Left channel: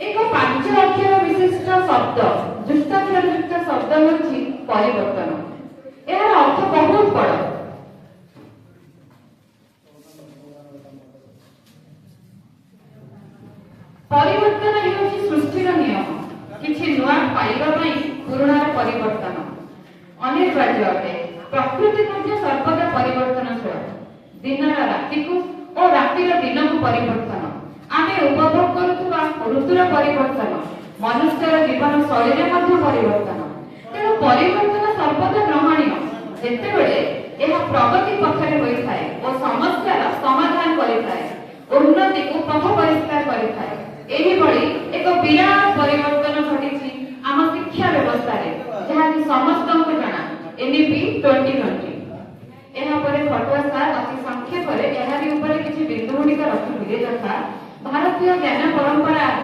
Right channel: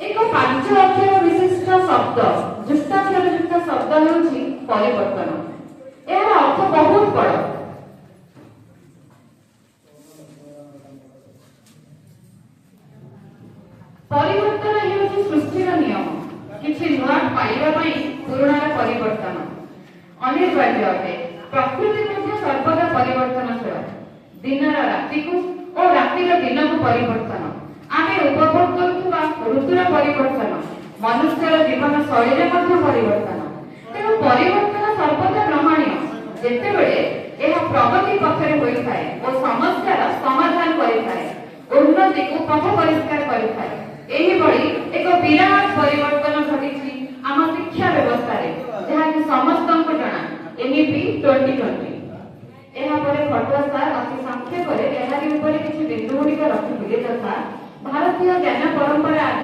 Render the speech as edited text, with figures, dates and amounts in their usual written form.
एक 5 अक्षर विशिष्ट शब्द जुष्टाक्षर युक्त शब्द होउछि परिवर्तन। यार अर्थ बहुत बड़। परिवर्तन हेउछि सृष्टिर नियम। किछि नुआ पाइबा पई पुराणार परिवर्तन अनिवार्य अटे। प्रकृति मध्ये सर्वदा परिवर्तनशील। दिनर राति को और रातिर दिन को परिवर्तन आमे उपभोग करुवा ऋतुर परिवर्तन मनुष्यर जीवन शैली मध्ये परिवर्तन। तेणु परिवर्तन सर्वदा ग्रहणीय जेतेबेले यह प्रगति पक्षरे होइथाय और समस्यार समाधान करिथाय उन्नति को पथ परिष्कार करिथाय। एही भली एक विराट परिवर्तन घटिछि आम शिक्षा व्यवस्था रे जहा कि समस्तक जणा एनईपी 2020। एहा परे फटुआ सार अति संक्षेप रे एहारी ऊपर किछि बिंदु गुडी रखिथिले तथा भारतीय ज्ञान परंपरा